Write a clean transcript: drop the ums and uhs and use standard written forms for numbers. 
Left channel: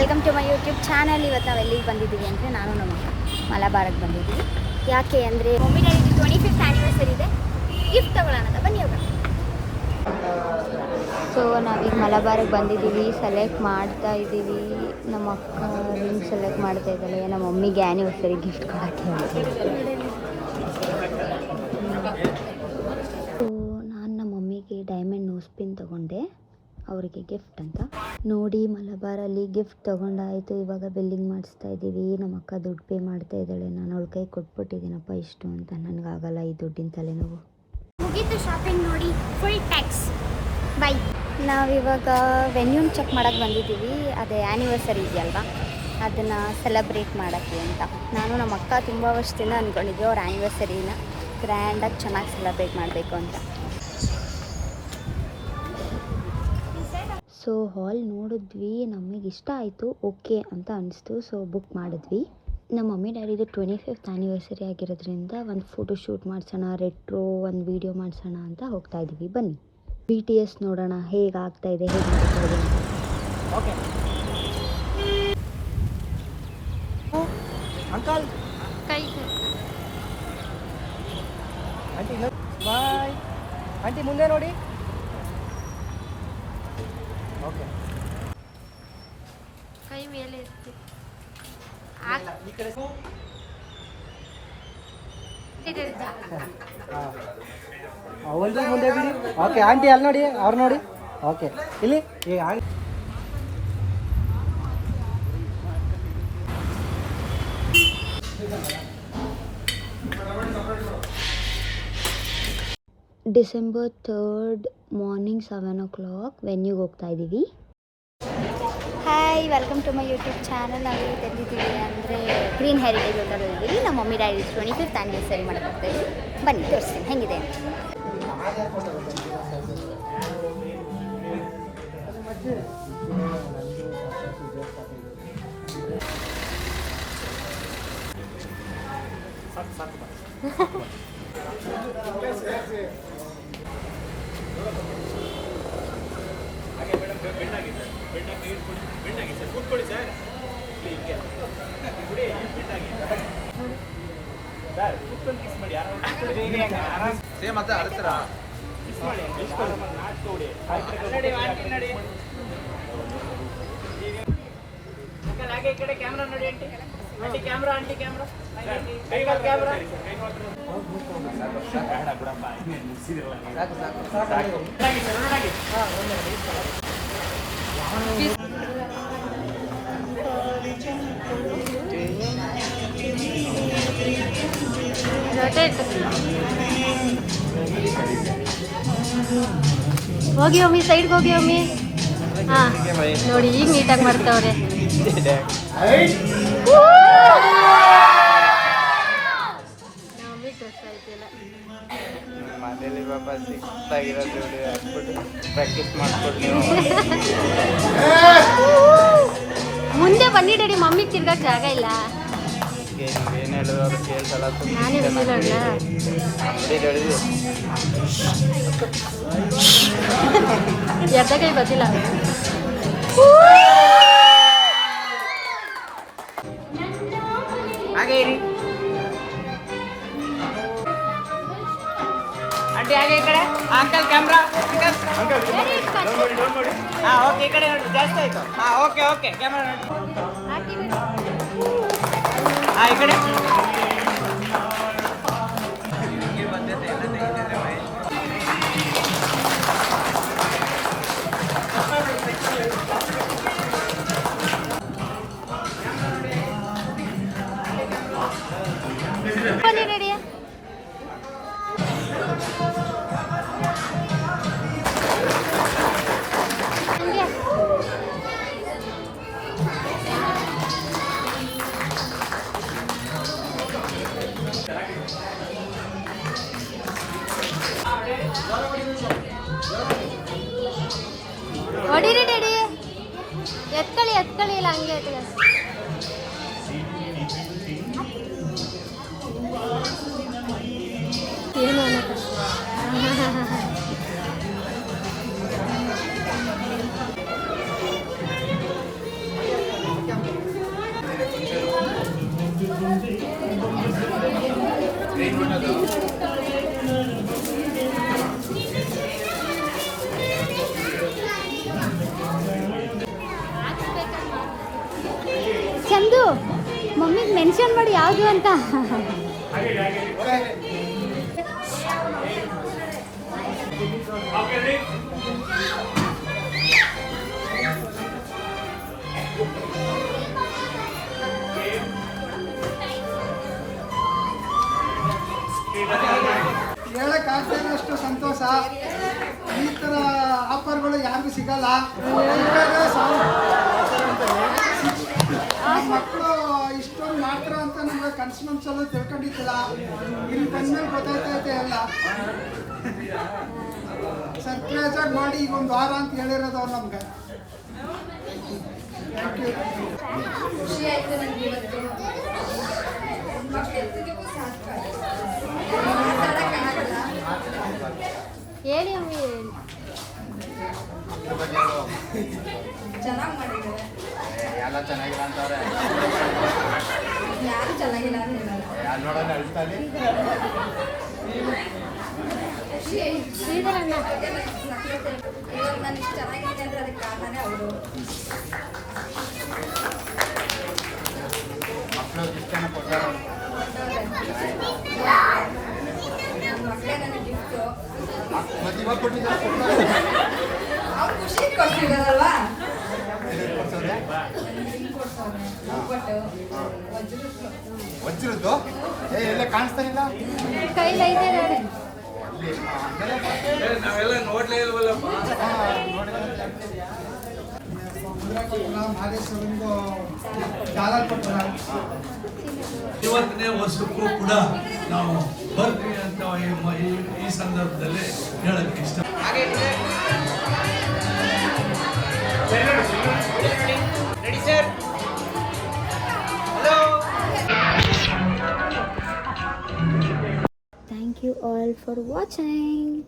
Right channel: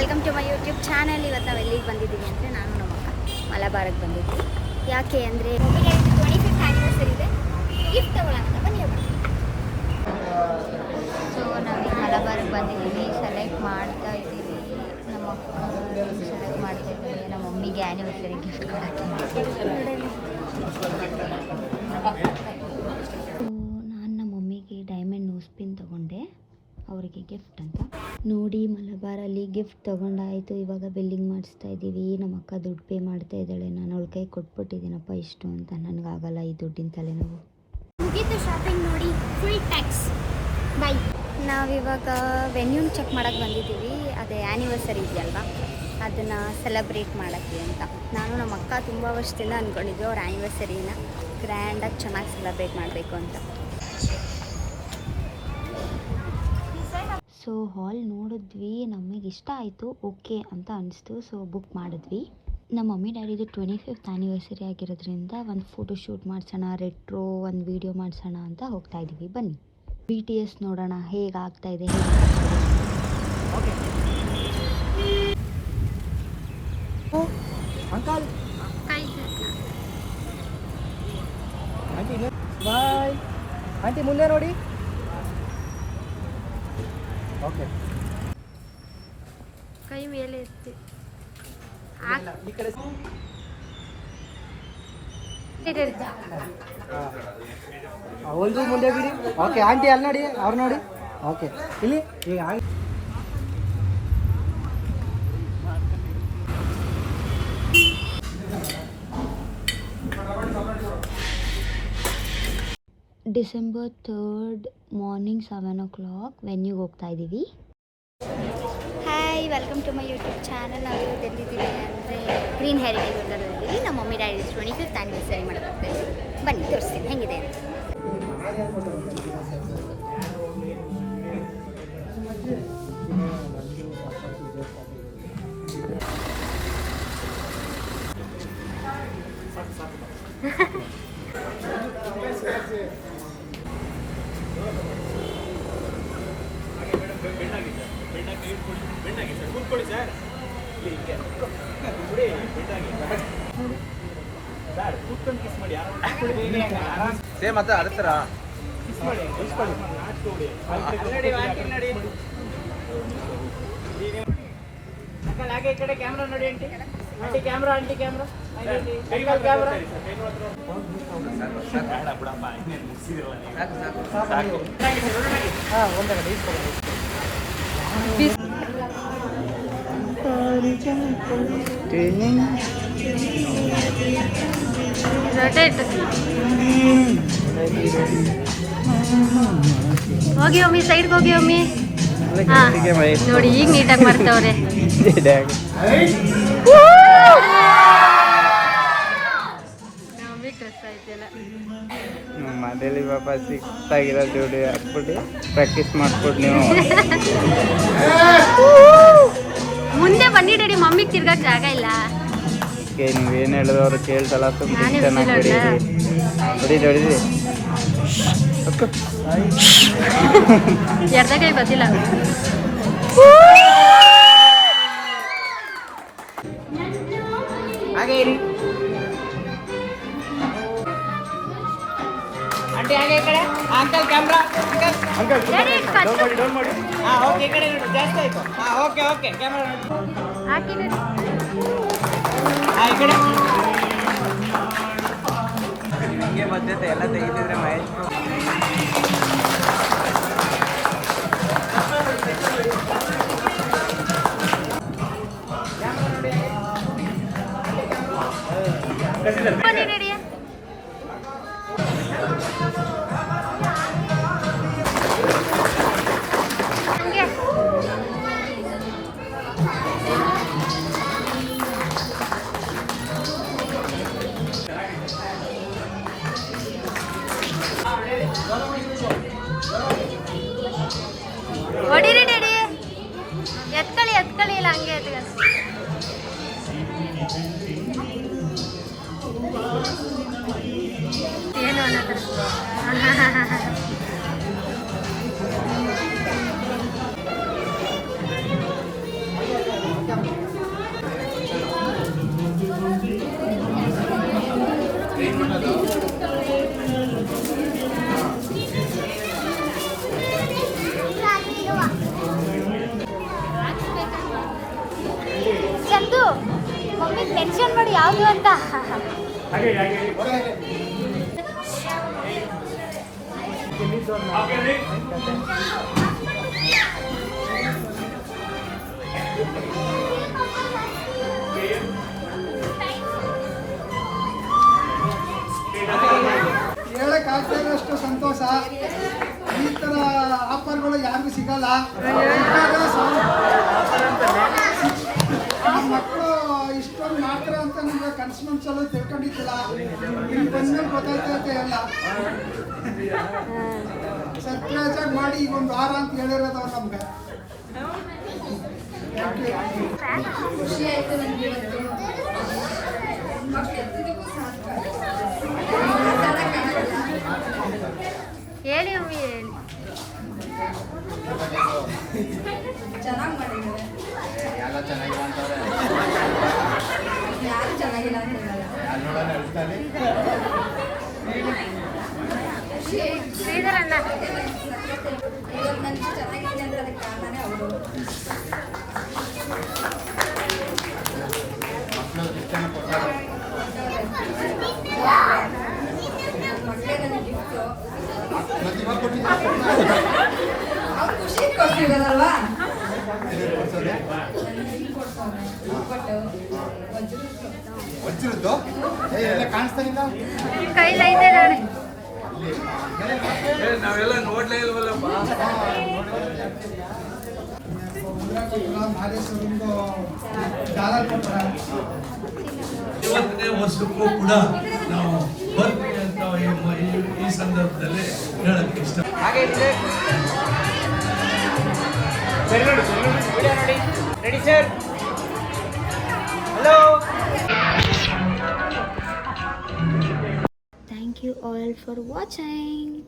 Welcome to my YouTube channel. ಇವತ್ತು ನಾವು ಎಲ್ಲಿಗೆ ಬಂದಿದ್ದೀವಿ ಅಂದರೆ ನಾನು ನಮ್ಮ ಅಕ್ಕ ಮಲಬಾರಕ್ಕೆ ಬಂದಿದ್ದೀವಿ. ಯಾಕೆ ಅಂದರೆ ಮಮ್ಮಿ ಡ್ಯಾಡಿದು 25th ಆ್ಯನಿವರ್ಸರಿ ಇದೆ, ಗಿಫ್ಟ್ ತೊಗೊಳ್ಳೋಣ ಅಂತ ಬನ್ನಿ ಹೋಗೋಣ. ಸೊ ನಾವೀಗ ಮಲಬಾರಕ್ಕೆ ಬಂದಿದ್ದೀವಿ, ಸೆಲೆಕ್ಟ್ ಮಾಡ್ತಾ ಇದ್ದೀವಿ. ನಮ್ಮ ಅಕ್ಕ ಸೆಲೆಕ್ಟ್ ಮಾಡ್ತಾ ಇದ್ದೀವಿ, ನಮ್ಮ ಮಮ್ಮಿಗೆ ಆ್ಯನಿವರ್ಸರಿ ಗಿಫ್ಟ್ ಮಾಡ್ತೀನಿ. ಸೊ ನಾನು ನಮ್ಮ ಮಮ್ಮಿಗೆ ಡೈಮಂಡ್ ನೋಸ್ ಪಿನ್ ತೊಗೊಂಡೆ, ಅವರಿಗೆ ಗಿಫ್ಟ್ ಅಂತ. ನೋಡಿ ಮಲಬಾರಲ್ಲಿ ಗಿಫ್ಟ್ ತೊಗೊಂಡಾಯಿತು. ಇವಾಗ ಬಿಲ್ಲಿಂಗ್ ಮಾಡಿಸ್ತಾ ಇದ್ದೀವಿ. ನಮ್ಮ ಅಕ್ಕ ದುಡ್ಡು ಪೇ ಮಾಡ್ತಾ ಇದ್ದಾಳೆ. ನಾನು ಅವಳ ಕೈ ಕೊಟ್ಬಿಟ್ಟಿದ್ದೀನಪ್ಪ ಇಷ್ಟು ಅಂತ. ನನಗಾಗಲ್ಲ ಈ ದುಡ್ಡಿನ ತಲೆನೋವು. ಮುಗೀತು ಶಾಪಿಂಗ್. ನೋಡಿ ಫುಲ್ ಟ್ಯಾಕ್ಸ್. ಬೈ. ನಾವಿವಾಗ ವೆನ್ಯೂನ್ ಚೆಕ್ ಮಾಡೋಕ್ಕೆ ಬಂದಿದ್ದೀವಿ. ಅದೇ ಆ್ಯನಿವರ್ಸರಿ ಇದೆಯಲ್ವಾ, ಅದನ್ನು ಸೆಲೆಬ್ರೇಟ್ ಮಾಡೋಕ್ಕೆ ಅಂತ. ನಾನು ನಮ್ಮ ಅಕ್ಕ ತುಂಬ ವರ್ಷದಿಂದ ಅಂದ್ಕೊಂಡಿದ್ವಿ ಅವ್ರ ಆ್ಯನಿವರ್ಸರಿನ ಗ್ರ್ಯಾಂಡಾಗಿ ಚೆನ್ನಾಗಿ ಸೆಲೆಬ್ರೇಟ್ ಮಾಡಬೇಕು ಅಂತ. ಸೊ ಹಾಲ್ ನೋಡಿದ್ವಿ, ನಮಗೆ ಇಷ್ಟ ಆಯಿತು, ಓಕೆ ಅಂತ ಅನಿಸ್ತು. ಸೊ ಬುಕ್ ಮಾಡಿದ್ವಿ. ನಮ್ಮ ಮಮ್ಮಿ ಡ್ಯಾಡಿದು 25th ಆ್ಯನಿವರ್ಸರಿ ಆಗಿರೋದ್ರಿಂದ ಒಂದು ಫೋಟೋ ಶೂಟ್ ಮಾಡಿಸೋಣ, ರೆಟ್ರೋ ಒಂದು ವೀಡಿಯೋ ಮಾಡಿಸೋಣ ಅಂತ ಹೋಗ್ತಾ ಇದ್ದೀವಿ. ಬನ್ನಿ BTS ನೋಡೋಣ ಹೇಗೆ ಆಗ್ತಾ ಇದೆ, ಹೇಗೆ ಮಾಡ್ತಾ ಇದೆ. Okay uncle aunty bye. Aunty ಮುಂದೆ ನೋಡಿ. ಕೈ ಮೇಲೆ ಇರ್ತಿ ಒಂದು ಮುಂದೆ ಬಿಡಿ. ಓಕೆ ಆಂಟಿ ಅಲ್ಲಿ ನೋಡಿ, ಅವ್ರು ನೋಡಿ. ಓಕೆ ಇಲ್ಲಿ ಈಗ December 3rd ಮಾರ್ನಿಂಗ್ 7 o'clock ವೆನ್ಯೂಗೆ ಹೋಗ್ತಾ ಇದ್ದೀವಿ. Hi, welcome to my YouTube channel. ನಾವು ಇವತ್ತು ಎಲ್ಲಿದ್ದೀವಿ ಅಂದರೆ ಗ್ರೀನ್ ಹೆರಿಟೇಜ್ ಹೋಟೆಲಲ್ಲಿದ್ದೀವಿ. ನಮ್ಮ ಮಮ್ಮಿ ಡ್ಯಾಡಿ 25th ಆ್ಯನಿವರ್ಸರಿ ಮಾಡೋಕ್ಕೆ ಹೋಗ್ತಾ ಇದ್ದೀವಿ. ಬನ್ನಿ ತೋರಿಸ್ತೀನಿ ಹೆಂಗಿದೆ ಅಂತ. ಹಾಗೆ ಈ ಕಡೆ ಕ್ಯಾಮ್ರಾ ನೋಡಿ. Aunty aunty camera, aunty camera, camera. ಹೋಗಿ ಒಮ್ಮಿ ಸೈಡ್ಗೆ ಹೋಗಿ ಒಮ್ಮಿ. ಹಾಂ ನೋಡಿ ಈಗ ನೀಟಾಗಿ ಮಾಡ್ತವ್ರೆ. ಡ್ರೆಸ್ ಆಯ್ತಿಲ್ಲ. ಮುಂದೆ ಬನ್ನಿ ಡ್ಯಾಡಿ, ಮಮ್ಮಿಗೆ ತಿರ್ಗಕ್ಕೆ ಜಾಗ ಇಲ್ಲ. ನೀವೇನು ಹೇಳಿದವರು ಕೇಳ್ಸಲ್ಲ. ನಾನೇ ಬಿಸಿಲು ಎರ್ದ ಕೈ ಗೊತ್ತಿಲ್ಲ. ಹಾಗೆ ಇರಿ ಆಂಟಿ, ಹಾಗೆ ಈ ಕಡೆ. Uncle camera. ಹಾಂ ಓಕೆ, ಈ ಕಡೆ ನೋಡಿ, ಜಾಸ್ತಿ ಆಯಿತು. ಹಾಂ ಓಕೆ ಓಕೆ, ಕ್ಯಾಮ್ರಾ ನೋಡಿ. ಹಾಂ ಈ ಕಡೆ. ಹೊಡಿರಿ ಡ್ಯಾಡಿ, ಎತ್ಕೊಳ್ಳಿ ಇಲ್ಲ ಹಂಗೆ ಏನು ಅನ್ನೋದು. ಚಂದು ಮಮ್ಮಿಗೆ ಮೆನ್ಷನ್ ಮಾಡಿ ಯಾವುದು ಅಂತ. ಹೇಳಕ್ಕಾಗ್ತಾ ಇರೋಷ್ಟು ಸಂತೋಷ. ಈ ಥರ ಆಫರ್ಗಳು ಯಾರಿಗೂ ಸಿಗಲ್ಲ. ನಮ್ಮ ಮಕ್ಕಳು ಇಷ್ಟೊಂದು ಮಾಡ್ತಾರೆ ಅಂತ ನಮಗೆ ಕನಸು ಮನಸ್ಸಲ್ಲೂ ತಿಳ್ಕೊಂಡಿದ್ದಿಲ್ಲ. ಇಲ್ಲಿ ಬಂದ್ಮೇಲೆ ಗೊತ್ತಾಯ್ತೈತೆ ಎಲ್ಲ. ಸರ್ಪ್ರೈಸ್ ಆಗಿ ಮಾಡಿ ಈಗ ಒಂದು ವಾರ ಅಂತ ಹೇಳಿರೋದು ಅವ್ರು ನಮ್ಗೆ. Thank you. ಖುಷಿ ಆಯ್ತು ನನಗೆ ಇವತ್ತು. ಮಕ್ಕಳಿಗೂ ಮಾತಾಡೋಕ್ಕಾಗಲ್ಲ. ಹೇಳಿ ಅಮ್ಮಿ ಹೇಳಿ. ಚೆನ್ನಾಗಿ ಮಾಡಿದ್ದಾರೆ. ಎಲ್ಲ ಚೆನ್ನಾಗಿಲ್ಲ ಅಂತವ್ರೆ. ಯಾರು ಚೆನ್ನಾಗಿಲ್ಲ ಅಂತ ಹೇಳಲ್ಲ. ಯಾರು ನೋಡೋಣ ಅಳ್ತಾನೆ. ಖುಷಿ ಆಯ್ತು. ಶ್ರೀಧರಣ್ಣ ಇವಾಗ ನಾನು ಇಷ್ಟು ಚೆನ್ನಾಗಿದ್ದೀನಿ ಅಂದ್ರೆ ಅದಕ್ಕೆ ಕಾರಣನೇ ಅವರು. ಮಕ್ಕಳು ಇಷ್ಟನ ಕೊಟ್ಟರು. ಮಕ್ಕಳೇ ನನಗೆ ಗಿಫ್ಟು. ಮತ್ತೆ ಇವಾಗ ಕೊಟ್ಟಿದ್ದಾರೆ. ಅವ್ರು ಖುಷಿ ಕೊಡ್ತಿದ್ದಾರಲ್ವಾ. ಕೊಡ್ಸೋದೆ ಕೊಡ್ಸೋನೆ ಒಬ್ಬಟ್ಟು ವಜ್ರದ್ದು ಎಲ್ಲ ಕಾಣಿಸ್ತಾನಿಲ್ಲ. ಕೈಲೈತೆ ನೋಡಿ. ನಾವೆಲ್ಲ ನೋಡ್ಲೇ ಇಲ್ವಲ್ಲಪ್ಪ. ಮಾದೇಶ್ವರಂಗೂ ಜಾಲ ಕೊಡ್ತಾರೆ. ಇವತ್ತನೇ ವರ್ಷಕ್ಕೂ ಕೂಡ ನಾವು ಬರ್ತೀವಿ ಅಂತ ಈ ಸಂದರ್ಭದಲ್ಲಿ ಹೇಳಕ್ಕೆ ಇಷ್ಟ. Thank you all for watching.